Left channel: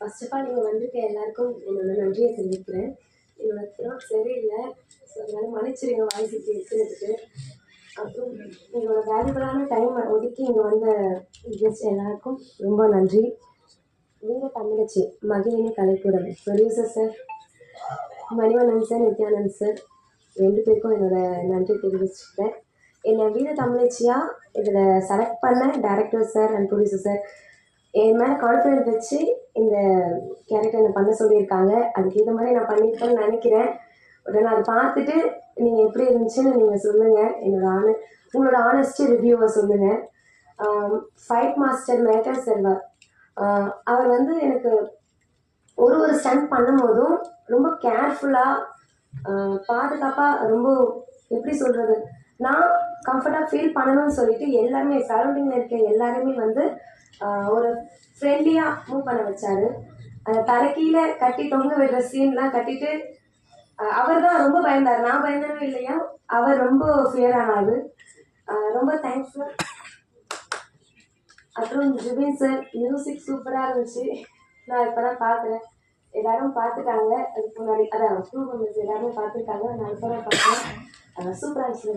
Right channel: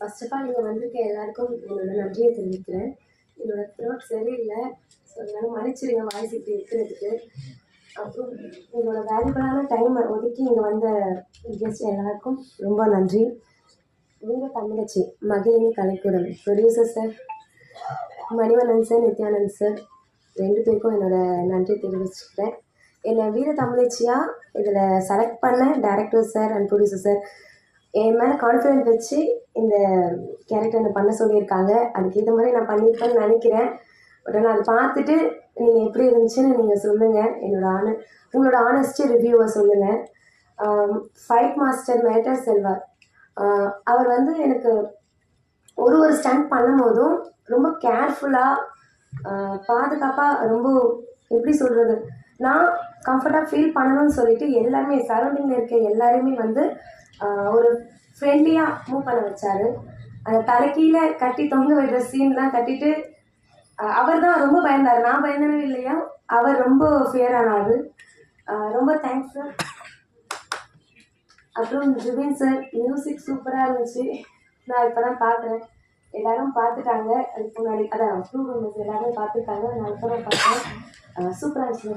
First of all இங்கே வந்திருக்க எல்லாருக்கும் என்னோட நன்றியை தெரிவிக்கிறேன். என்னோட த்ரோட் சரியில்லை. ஸோ அதனால மன்னிச்சிடுங்க வாய்ஸ் இப்படி இருக்கிறதுக்கு. அப்புறம் என்னோட வேல்யூபிளான டைமை ஒதுக்கி இங்கே வந்த கெஸ்ட் எல்லாருக்கும் ரொம்ப நன்றி. Veera Thamizhachi Magizhini Kalaikoodam producer sir, Manivannan sir, Nithyanand sir 2 பேருக்கும் என்னோட நன்றி தெரிவிச்சுக்கிறேன். என்னை வீர தமிழச்சியாக இதில் செலக்ட் பண்ண director sir and producer sir என் மேலே கான்ஃபிடென்ட் வச்சு இந்த கேரக்டர் என்னை பண்ண சொல்லியிருக்காங்க. அதுக்கேற்ற மாதிரி நான் பண்ணியிருக்கேன்னு நினைக்கிறேன். பட் நான் அதை பார்த்துட்டு நீங்கள் எப்படி இருந்துச்சுன்னு நீங்கள் சொல்லுங்கள். உங்களோட ஆனஸ்டி ரிவ்யூவை சொல்லுங்கள். ஃபைட் மாஸ்டர் மேட்டர் செல்வார் அவர் வந்து எனக்கு ஒரு ஸ்டண்ட் பண்ணும்போதும் ரொம்ப கேர்ஃபுல்லாக பாதுகாப்பாக ரொம்ப எப்படி சொல்கிறது, நான் கம்ஃபர்ட்டாக ஃபீல் பண்ணணும்னு சொல்லிட்டு எல்லாருமே சரௌண்டிங்கில் இருக்க எல்லாருமே வந்து ஒரு ஃப்ரெண்ட்லியாக மூவ் பண்ண வச்சார். அந்த தலைக்கீழே கட்டி தொங்க விடுற சீன்லாம் கட்டிட்டு அவர் தான் ரொம்ப பயந்தார். நான் பயந்தனவே இல்லையா, அவர் ரொம்ப ஃபியர் ஆனார். ரொம்ப தேங்க்ஸ் சார். அப்புறம் ஜுபின் சார் மியூசிக் சூப்பராக இருந்துச்சு. நான் இப்போ தான் பார்க்குறேன். எல்லாரும் பார்த்துட்டாங்க. அதுக்கு முன்னாடி அதான் ஸ்கூல் மெம்பர்ஸ் எல்லாருமே பார்த்துருக்காங்க. நான் இப்போ தான் பார்த்தேன். சூப்பராக இருந்துச்சு.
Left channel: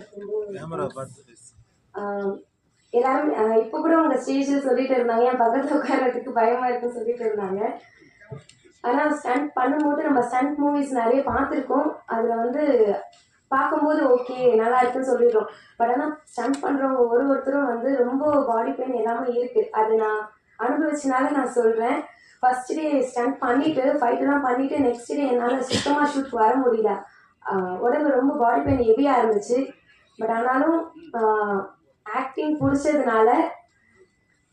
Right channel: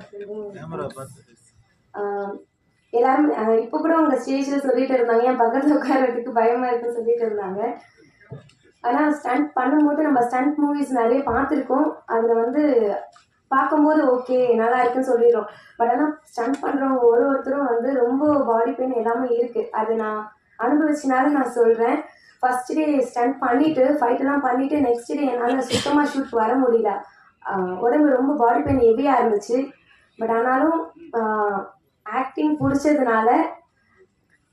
எல்லாரும் இப்போ கூட உங்கள் ஸ்டேஜில் சொல்லிட்டு இருந்தாங்க, என் பக்கத்தில் உட்காரத்துக்கு பயமாக இருக்குன்னு சொல்லிட்டு இருந்தாங்க. ஆனால் ஸ்டண்ட் பண்ணும்போது நம்ம ஸ்டண்ட் மூவிஸ் நிறைய பார்த்துருக்கோம். அதில் வந்து பார்க்கும்போது ஓகே நல்லா இருக்குன்னு சொல்லிடுறோம். பட் ஆனால் ஸ்டண்ட் பண்ணுறவங்க ஒருத்தரும் வந்து ரொம்ப பாடி பெயின் எல்லாமே இருக்குது. அது நான் அனுபவிச்சனால நான் சொல்கிறேன். ஃபர்ஸ்ட் டே ஸ்டண்ட் பண்ணிவிட்டு ஃபைட்டெல்லாம் பண்ணிவிட்டு நெக்ஸ்ட் டே என்னால் சுத்தமாக ஷூட் வர முடியல. உடம்பு ரொம்ப பாடி பெயின் ஹெவியாக இருந்துச்சு. பட் ஆனாலும் ஆக்டிங் பிடிச்சதுனால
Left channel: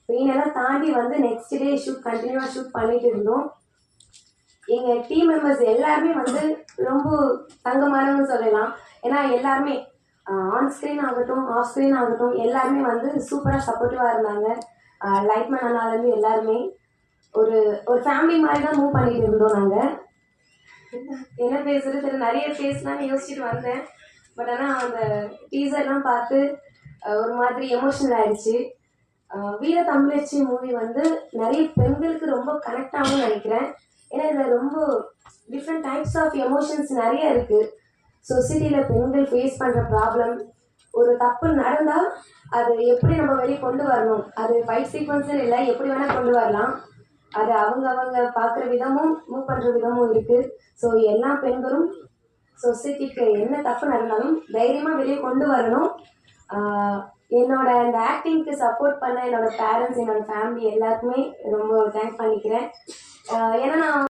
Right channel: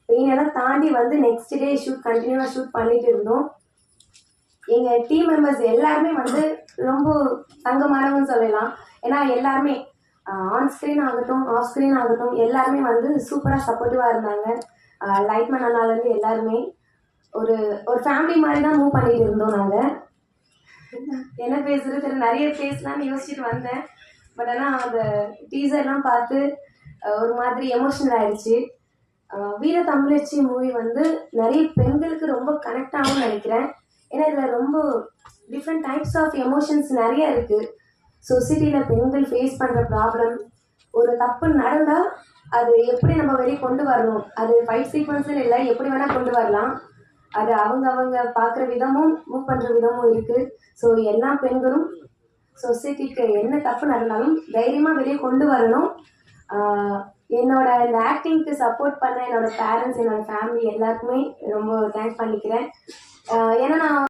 பெயினெல்லாம் தாண்டி வந்து நெக்ஸ்ட் டே கண்டினியூவாக ஷூட் பண்ணிட்டு இருந்தோம். எங்கள் டீம் மெம்பர்ஸ் எல்லாருமே வந்து ரொம்ப தங்கமானவங்கன்னு சொல்லலாம். ஏன்னா எல்லாருமே ஆன் ஸ்க்ரீன் ஆகட்டும் ஆஃப் ஸ்க்ரீன் ஆகட்டும் எல்லாருமே வந்து சூப்பராக சப்போர்ட்டிவாக இருந்தாங்க. லைட்மேன் அண்ணாலேருந்து எல்லாருமே ஒரு ஃபேமிலி மாதிரி தான் மூவ் பண்ணிட்டு இருந்தோம். நாங்கள் என்ன பேசுறது நிறைய பேசலான்னு யோசிச்சுட்டு வந்தேன். பட் ஆனால் அந்த டீசர்லாம் பார்த்து ஒரு மாதிரி எமோஷனல் ஆயிடுச்சு. வீர தமிழச்சி மூவி வந்து நிறைய பெண்களுக்கு ரொம்ப கனெக்ட் ஆகும்னு நினைக்கிறேன். ஏன்னா இதில் ரொம்ப டிஃப்ரெண்ட் டைப்ஸ் ஆஃப் எமோஷன்ஸ் நிறைய இருக்குது. சொசைட்டியில் பெண்கள் ஃபேஸ் பண்ணுற ப்ராப்ளம், ஒரு தப்பு நடந்தால் அது எப்படி நம்ம வெளியே கொண்டு வரணும், அது ஃபைட் சீக்வன்ஸும் இல்லை எப்படி வேணால் கொண்டு வரலாம். அது அவங்க பார்க்குற விதமும் மூவ் பண்ணுற விதமும் இருக்குது. ஸோ எல்லா பெண்களும் சொசைட்டிக்கு என்ன தப்பு நடந்தாலும் தைரியமாக வெளியே கொண்டு வரணும். என்னோட இந்த ஆக்டிங்க்கு சப்போர்ட் பண்ண என்னோட பேரண்ட்ஸ், என்னோட ஃபேமிலி எல்லாருக்குமே ரொம்ப தேங்க்ஸ் பண்ணிக்கிறேன். ஏன்னா நான்